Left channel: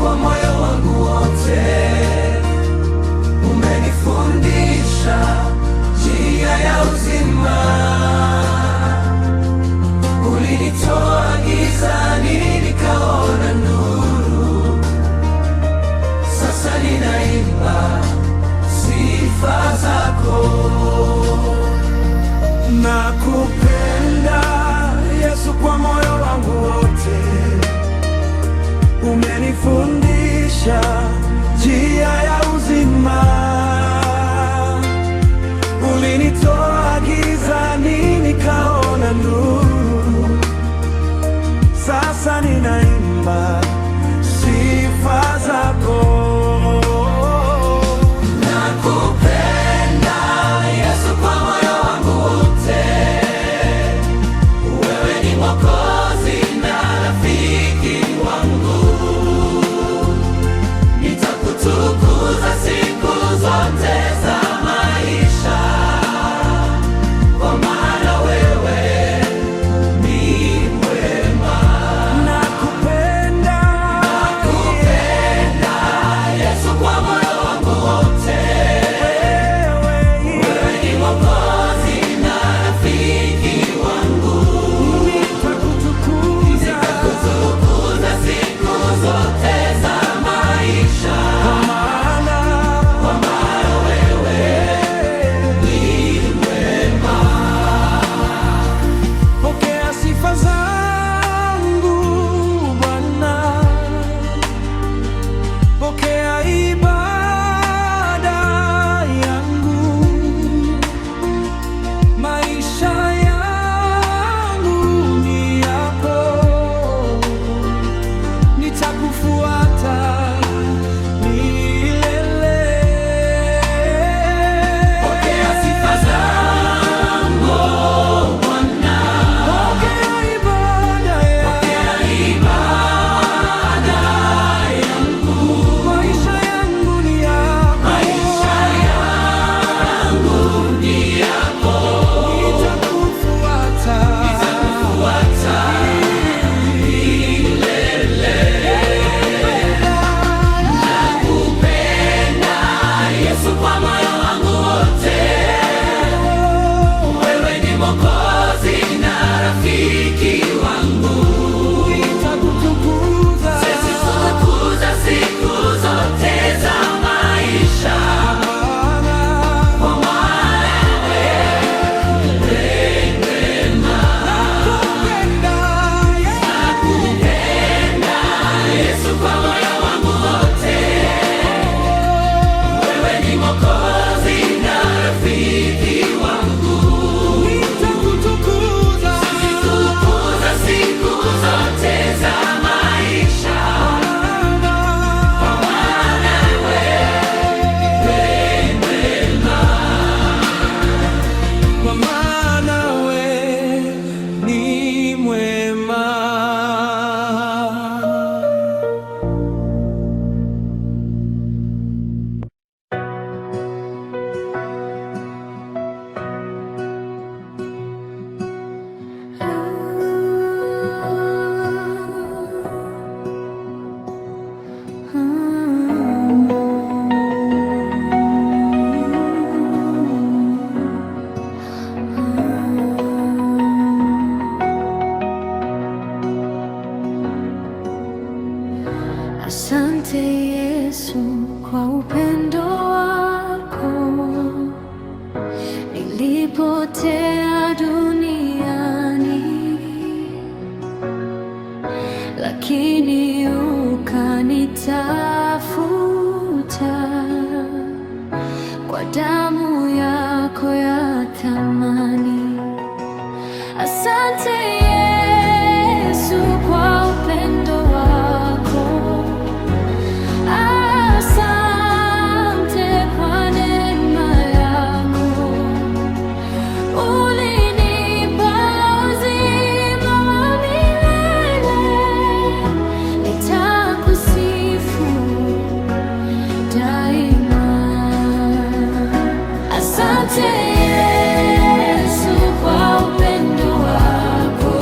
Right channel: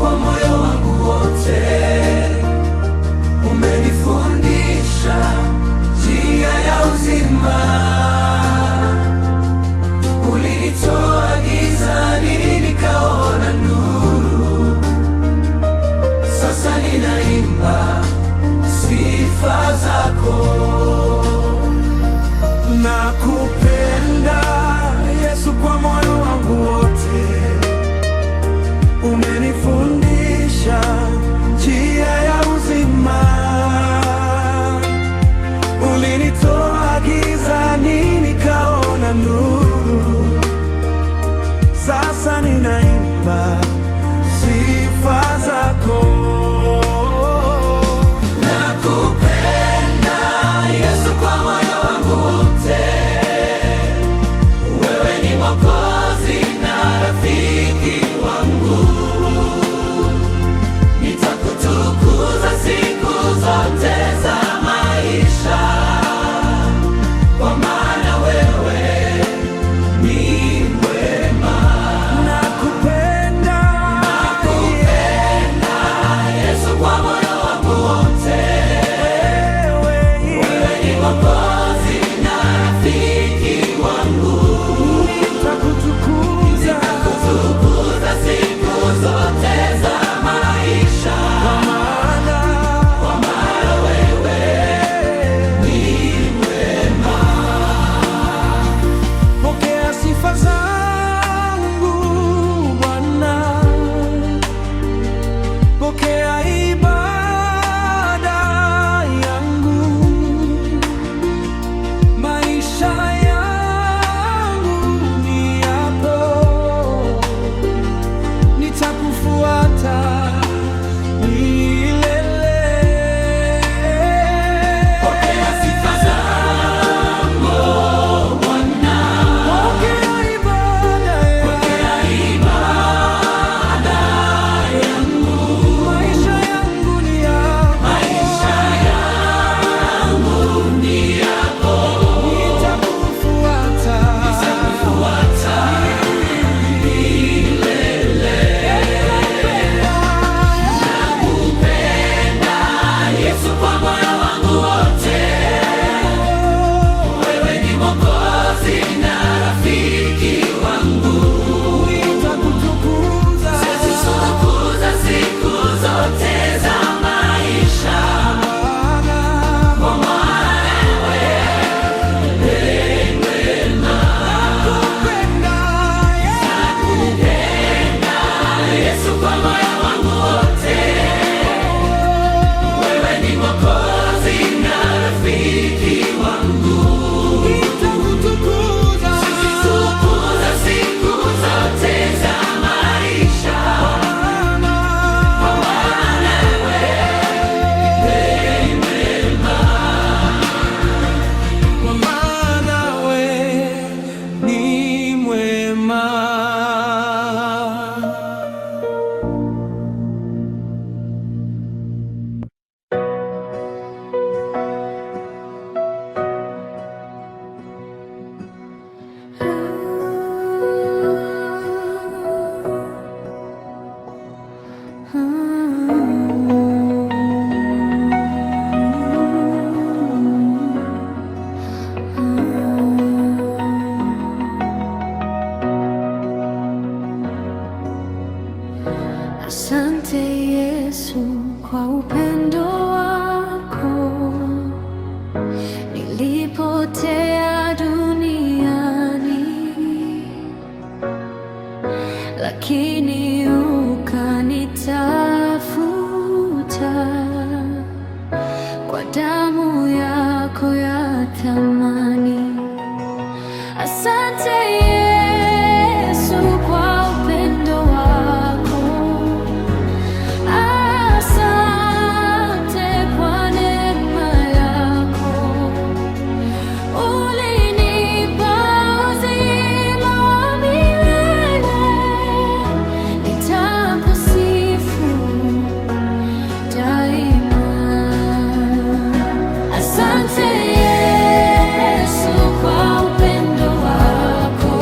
kwa moyo wangu wote. Umenifundisha njia ya uzima. Ulinitoa gizani nikaona nuru. Sasa ninaimba sifa zako. Nakupenda Yesu kwa moyo wangu wote. Umenifundisha njia ya uzima. Ulinitoa gizani nikaona nuru. Sasa ninaimba sifa zako. Nakupenda Yesu kwa moyo wangu wote. Wewe ni Mwokozi na rafiki wangu. Nitakutukuza siku zote za maisha, kwa maana wewe ni mwema. Nakupenda Yesu kwa moyo wangu wote. Wewe ni Mwokozi na rafiki wangu. Nitakutukuza siku zote za maisha, kwa maana wewe ni mwema. Pokea sifa zangu Bwana, pokea ibada yangu. Maisha yangu ni yako, nitakufuata milele. Pokea sifa zangu Bwana, pokea ibada yangu. Maisha yangu ni yako, nitakufuata milele. Nakupenda Yesu kwa moyo wangu wote. Wewe ni Mwokozi na rafiki wangu. Nitakutukuza siku zote za maisha, kwa maana wewe mwema. Nakupenda Yesu kwa moyo wangu wote. Wewe ni Mwokozi na rafiki wangu. Nitakutukuza siku zote za maisha, kwa maana wewe mwema, kwa maana wewe ni mwema. Asante Yesu kwa upendo wako. Nilipotea duniani, lakini ukanitafuta kwa damu yako ya thamani. Asante Yesu kwa upendo wako. Asante kwa neema yako. Ulinipa uzima wa milele. Nitakusifu daima. Asante Yesu kwa upendo wako.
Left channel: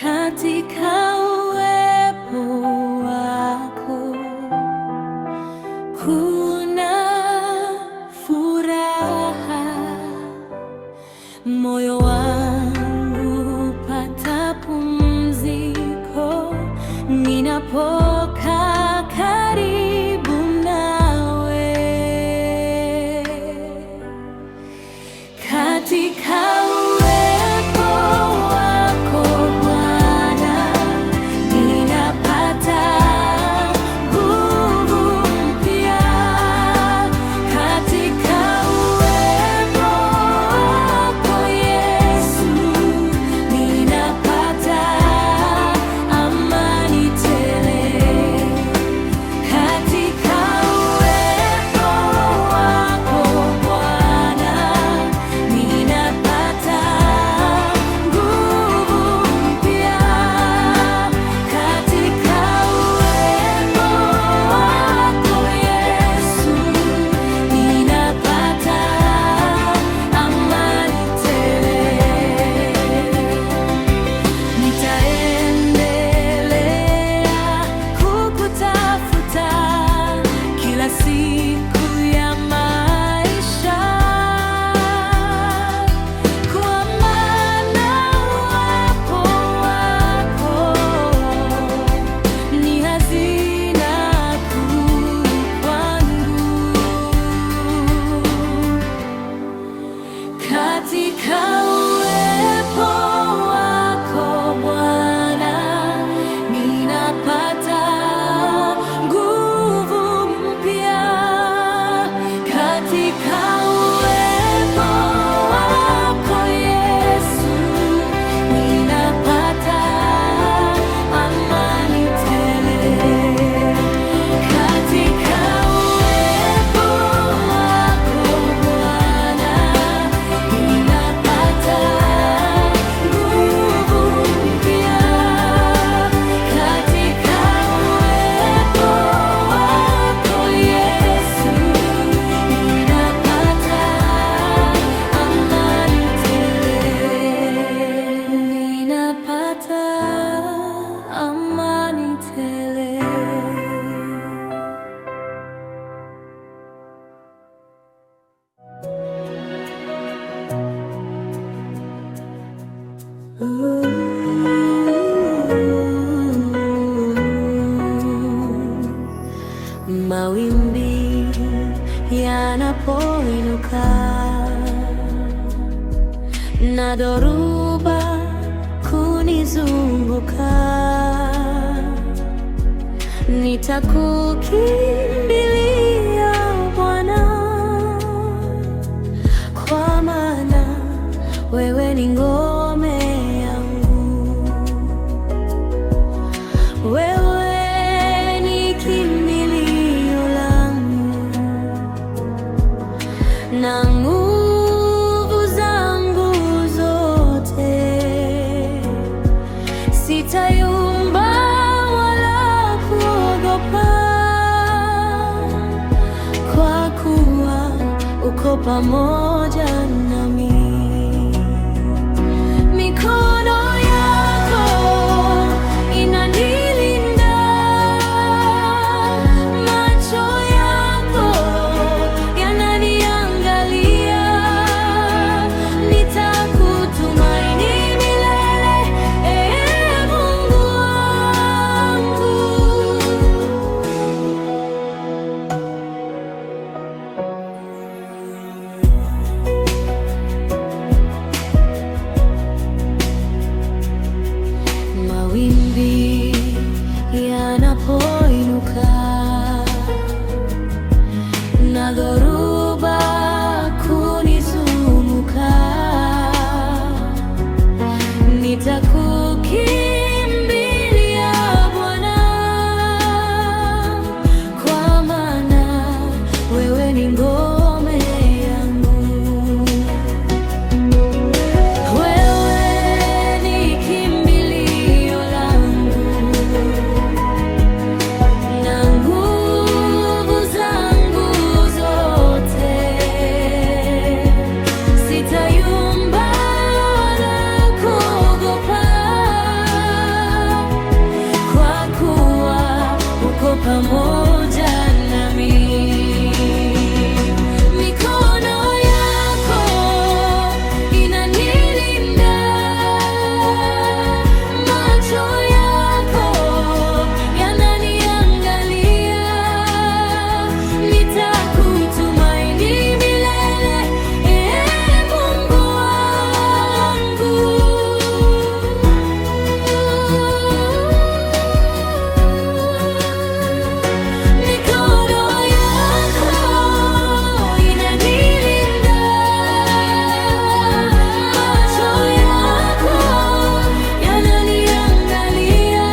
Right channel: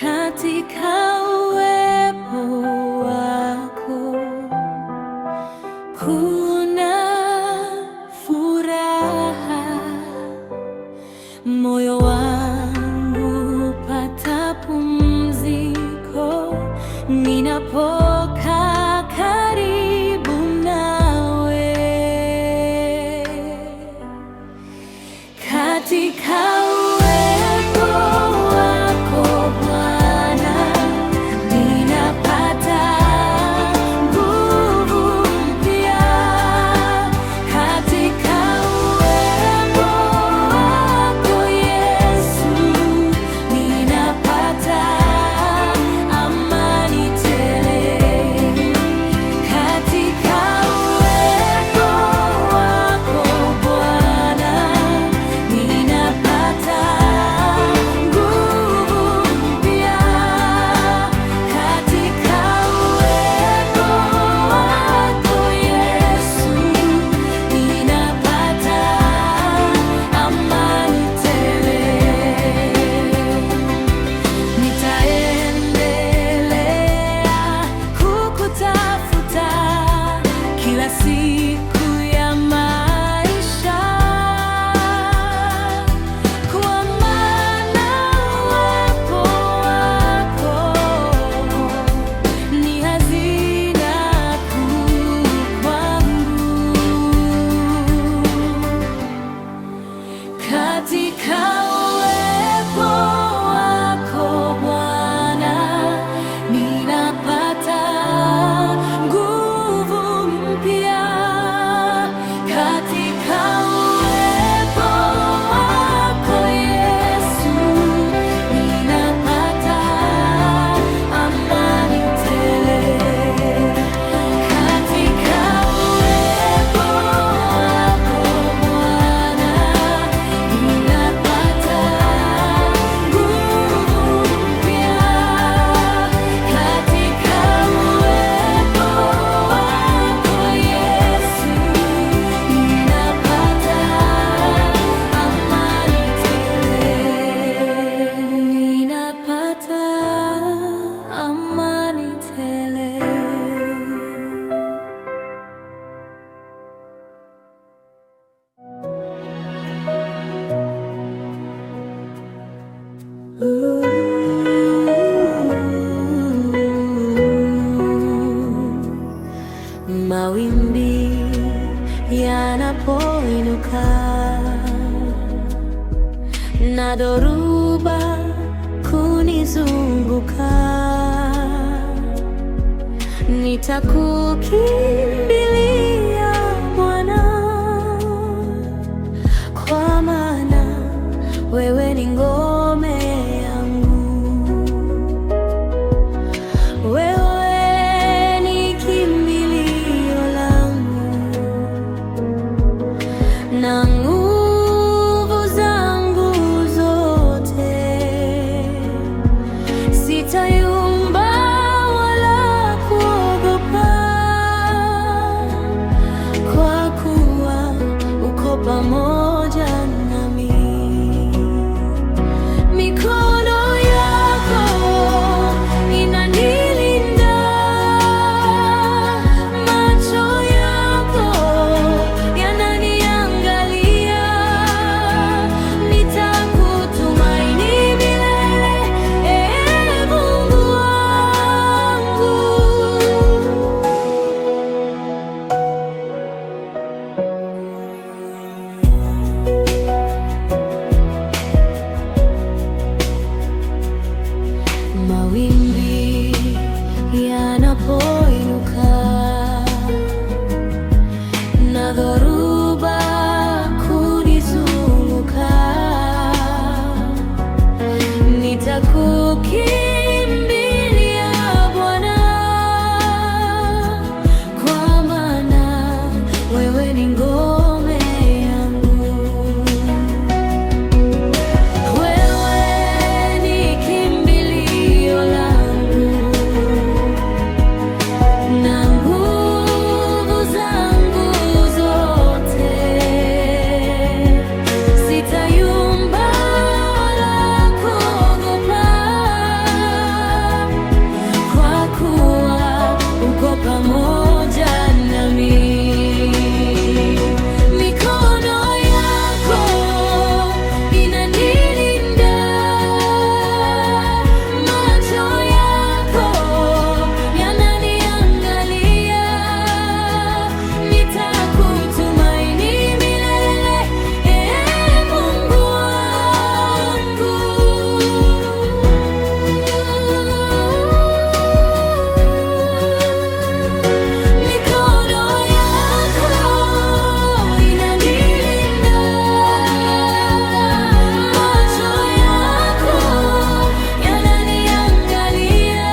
Katika uwepo wako kuna furaha, moyo wangu hupata pumziko ninapokaa karibu nawe. Katika uwepo wako Bwana, ninapata nguvu mpya. Katika uwepo wako Yesu, ninapata amani tele. Katika uwepo wako Bwana, ninapata nguvu mpya. Katika uwepo wako Yesu, ninapata amani tele. Nitaendelea kukutafuta kila siku ya maisha, kwa maana uwepo wako ni hazina kuu kwangu. Katika uwepo wako Bwana, ninapata nguvu mpya. Katika uwepo wako Yesu, ninapata amani tele. Katika uwepo wako Bwana, ninapata nguvu mpya. Katika uwepo wako Yesu, ninapata amani tele. Ninapata amani tele. Mawimbi yanapoinuka na dhoruba kunizunguka, nitakukimbilia Bwana, kwa maana wewe ni ngome yangu. Wewe ni kimbilio langu na nguvu zangu zote. Sitayumba wala kuogopa, kwa kuwa uko pamoja nami. Mikono yako inanilinda, macho yako yananiangalia. Nitakutumaini milele, Ee Mungu wangu. Mawimbi yanapoinuka na dhoruba kunizunguka, nitakukimbilia Bwana, kwa maana wewe ni ngome yangu. Wewe ni kimbilio langu na nguvu zangu zote. Sitayumba wala kuogopa, pamoja nami. Mikono yako inanilinda, macho yako yananiangalia. Nitakutumaini milele, Mungu wangu. Mikono yako inanilinda, macho yako yananiangalia.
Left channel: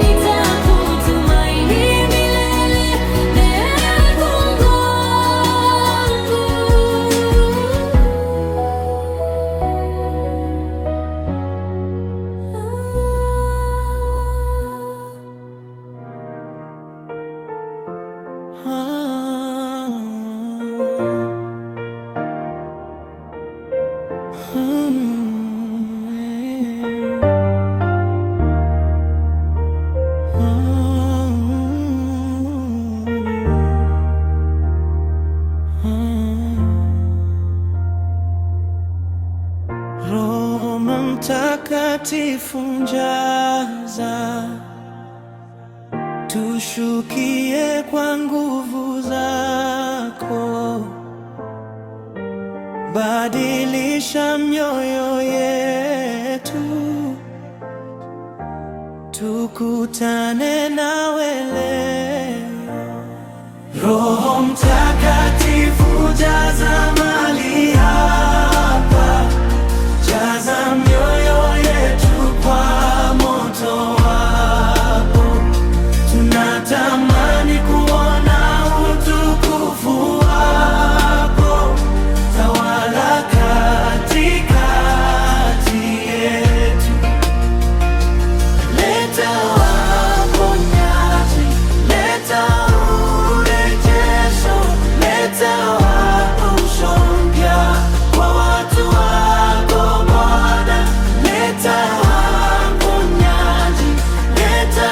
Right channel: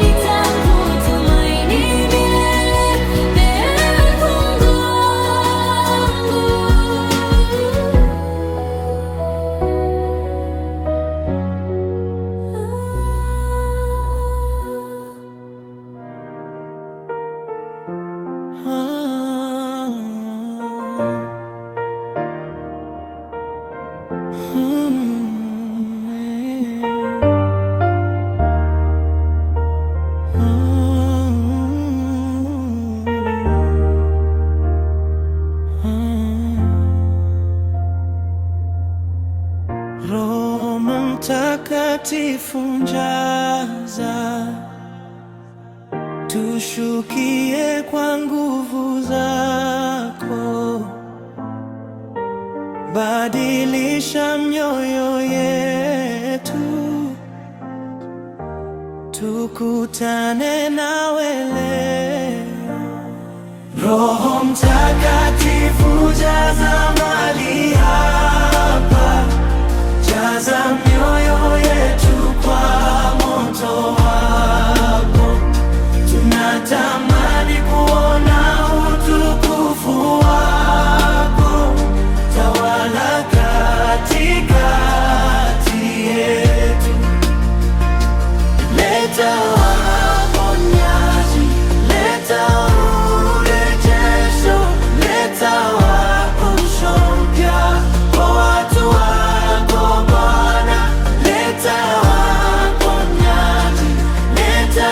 Nitakutumaini milele, Mungu wangu. Roho Mtakatifu njaza, tushukie kwa nguvu zako. Badilisha mioyo yetu, tukutane nawe leo. Roho Mtakatifu jaza mahali hapa, jaza mioyo yetu kwa moto wako. Tunatamani kuona utukufu wako, tawala katikati yetu. Leta uponyaji, leta urejesho, leta uamsho mpya kwa watu wako Bwana. Leta uponyaji, leta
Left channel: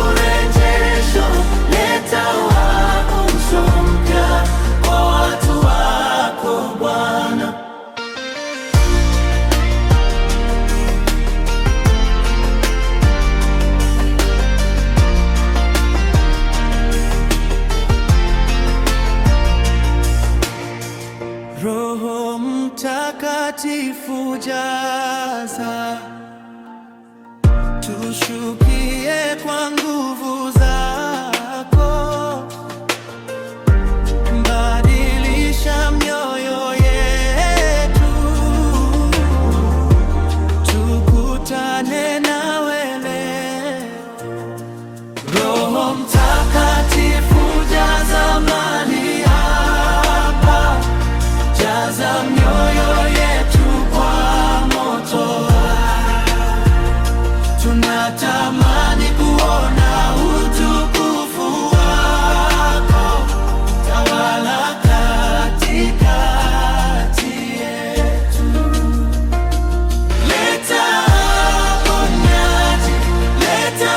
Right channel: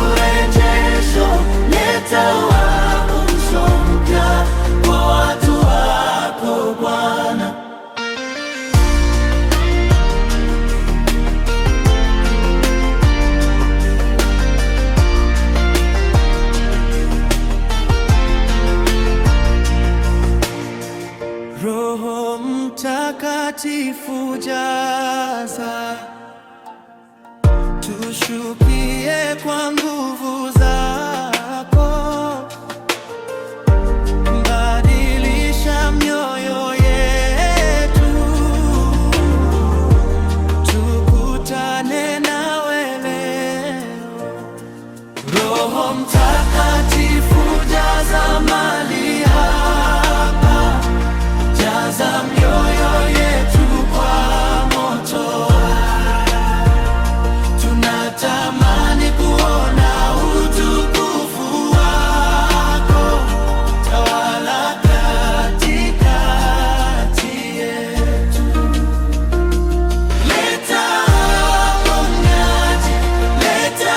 urejesho, leta uamsho mpya kwa watu wako Bwana. Roho Mtakatifu jaza, tushukie kwa nguvu zako. Badilisha mioyo yetu, tukutane nawe leo. Roho Mtakatifu jaza mahali hapa, jaza mioyo yetu kwa moto. Tunatamani kuona utukufu wako, tawala katikati yetu. Leta uponyaji, leta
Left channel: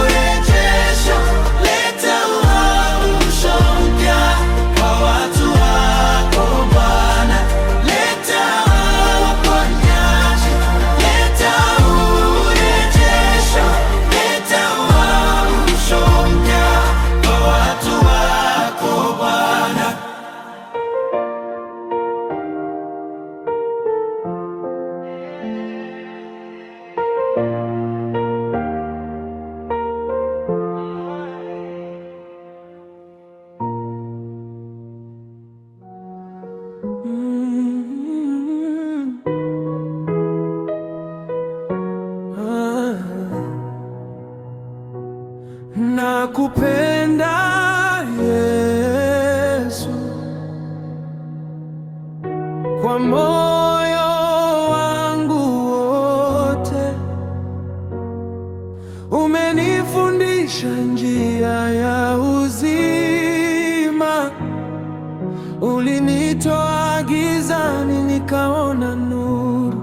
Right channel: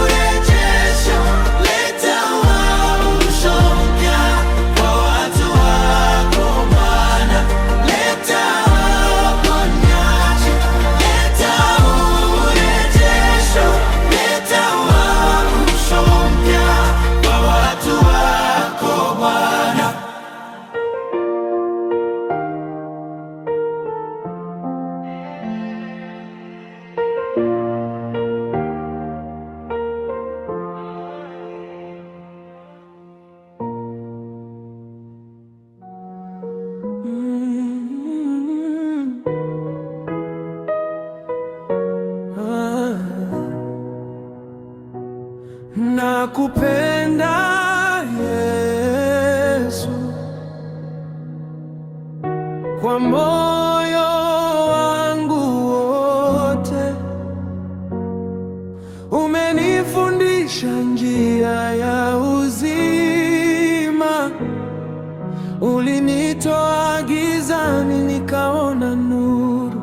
urejesho, leta uamsho mpya kwa watu wako Bwana. Leta uponyaji, leta urejesho, leta uamsho mpya kwa watu wako Bwana. Nakupenda Yesu, kwa moyo wangu wote. Umenifundisha njia ya uzima, ulinitoa gizani nikaona nuru.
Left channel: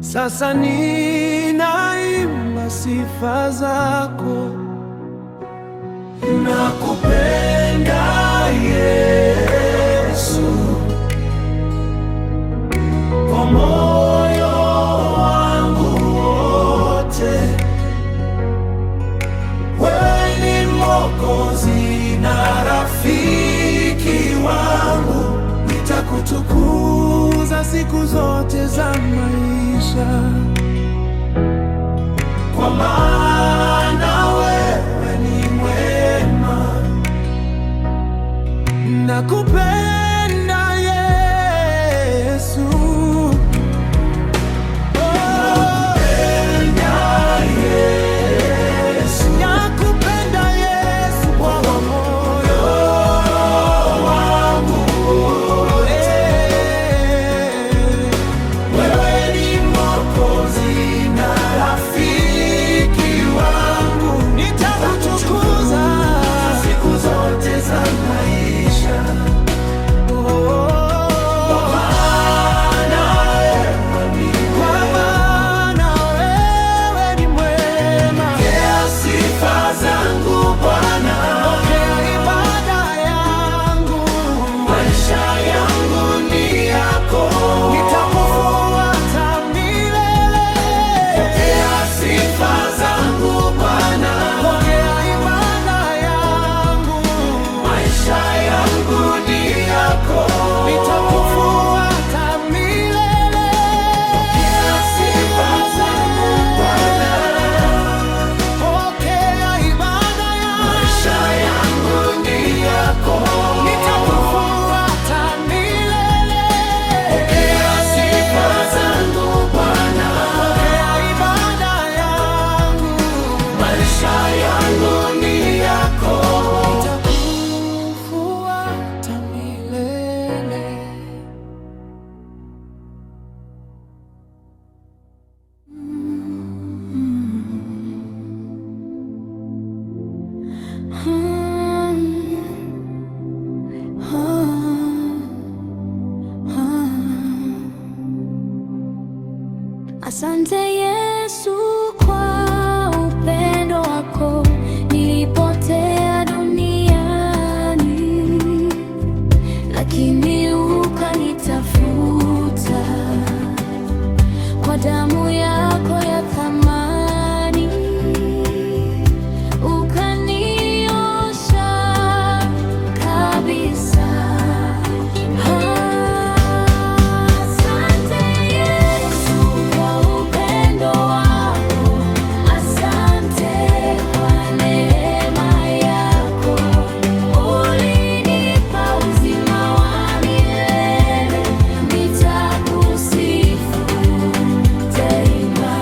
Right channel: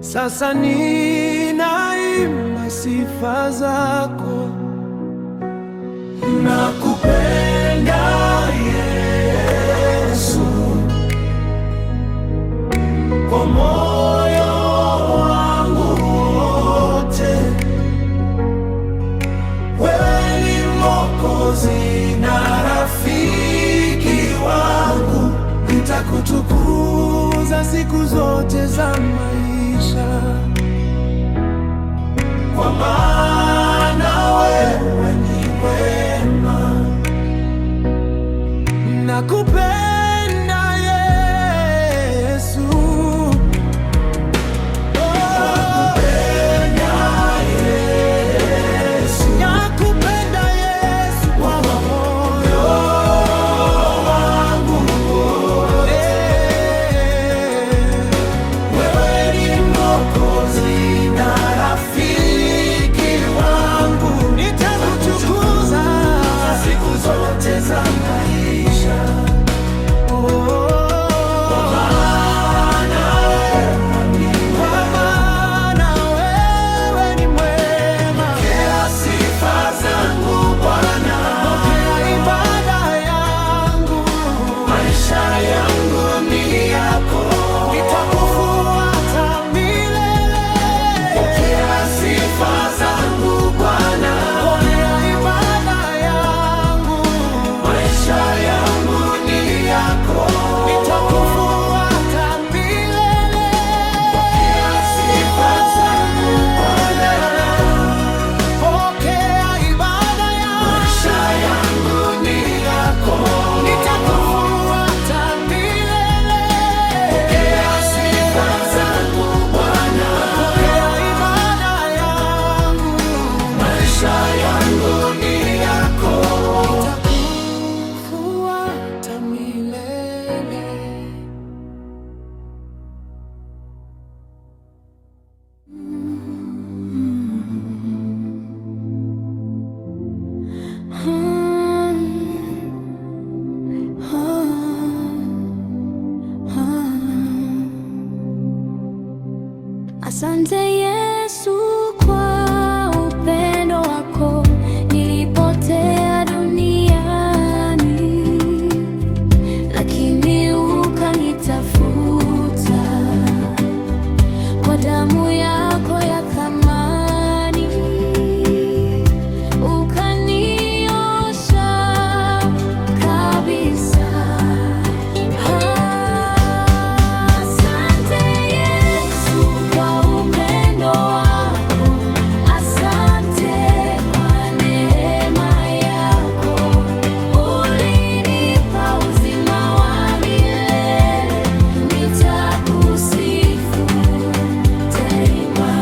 Sasa ninaimba kwa sifa zako. Nakupenda Yesu, kwa moyo wangu wote. Wewe ni Mwokozi na rafiki wangu, nitakutukuza siku zote za maisha, kwa maana wewe ni mwema. Nakupenda Yesu, nakupenda Yesu kwa moyo wangu. Wewe ni Mwokozi na rafiki wangu, nitakutukuza siku zote za maisha. Asante Yesu kwa upendo wako, nilipotea duniani, lakini ukanitafuta kwa damu yako ya thamani, ukaniosha kabisa. Nitakusifu daima.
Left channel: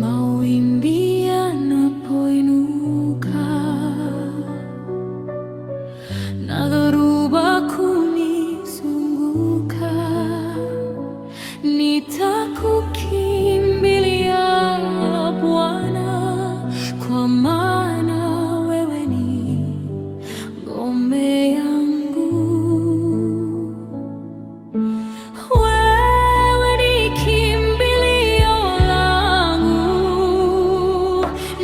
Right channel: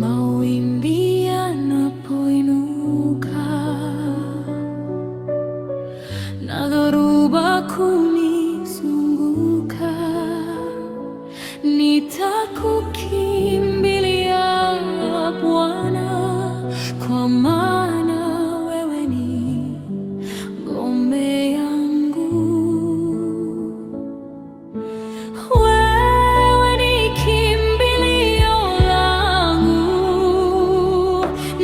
Mawimbi yanapoinuka na dhoruba kunizunguka, nitakukimbilia Bwana, kwa maana wewe ni ngome yangu. Wewe ni kimbilio langu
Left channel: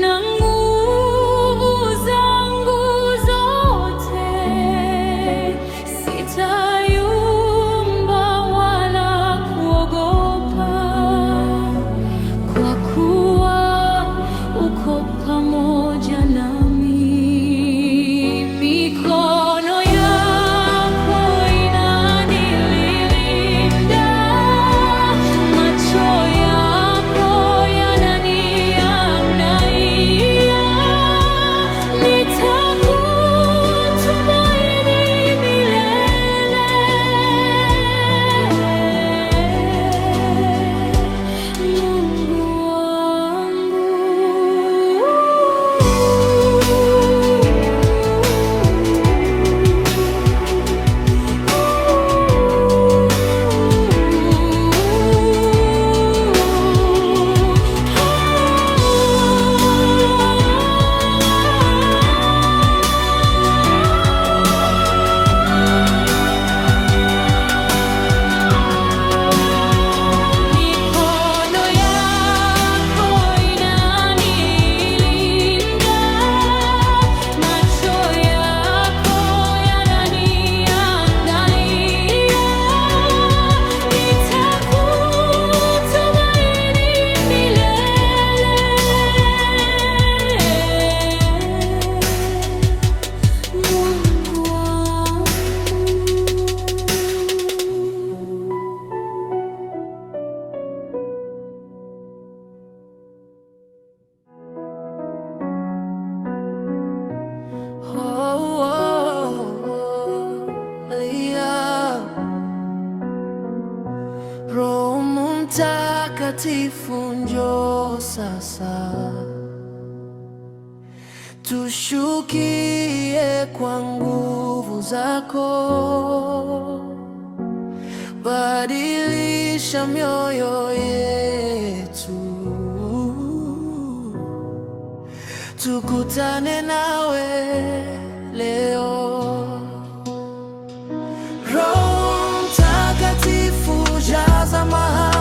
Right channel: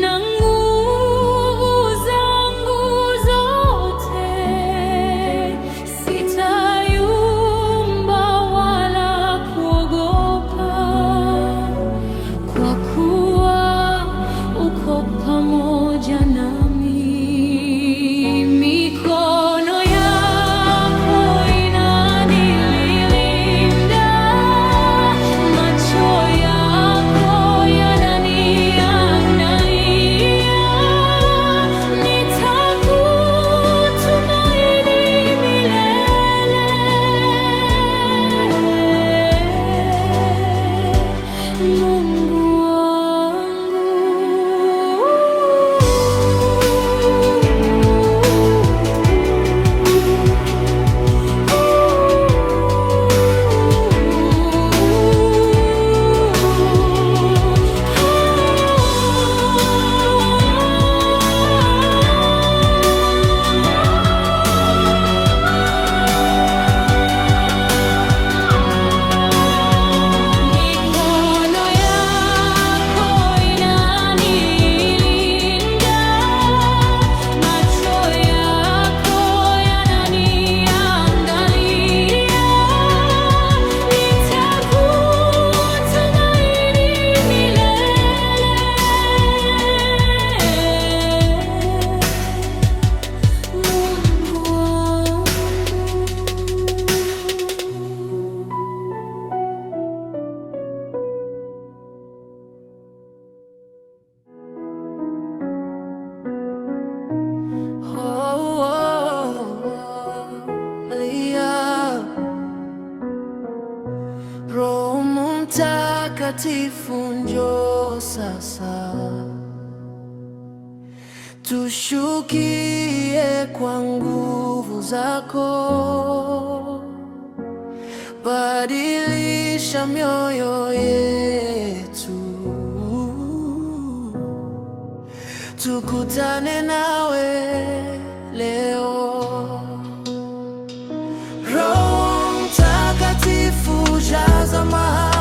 na nguvu zangu zote, sitayumba wala kuogopa, kwa kuwa uko pamoja nami. Mikono yako inanilinda, macho yako yananiangalia, nitakutumaini milele, Mungu wangu. Mikono yako inanilinda, macho yako yananiangalia, nitakutumaini milele, Mungu wangu. Roho Mtakatifu, njoo sasa, tushukie kwa nguvu zako, badilisha mioyo yetu, tukutane nawe leo. Roho Mtakatifu, jaza mahali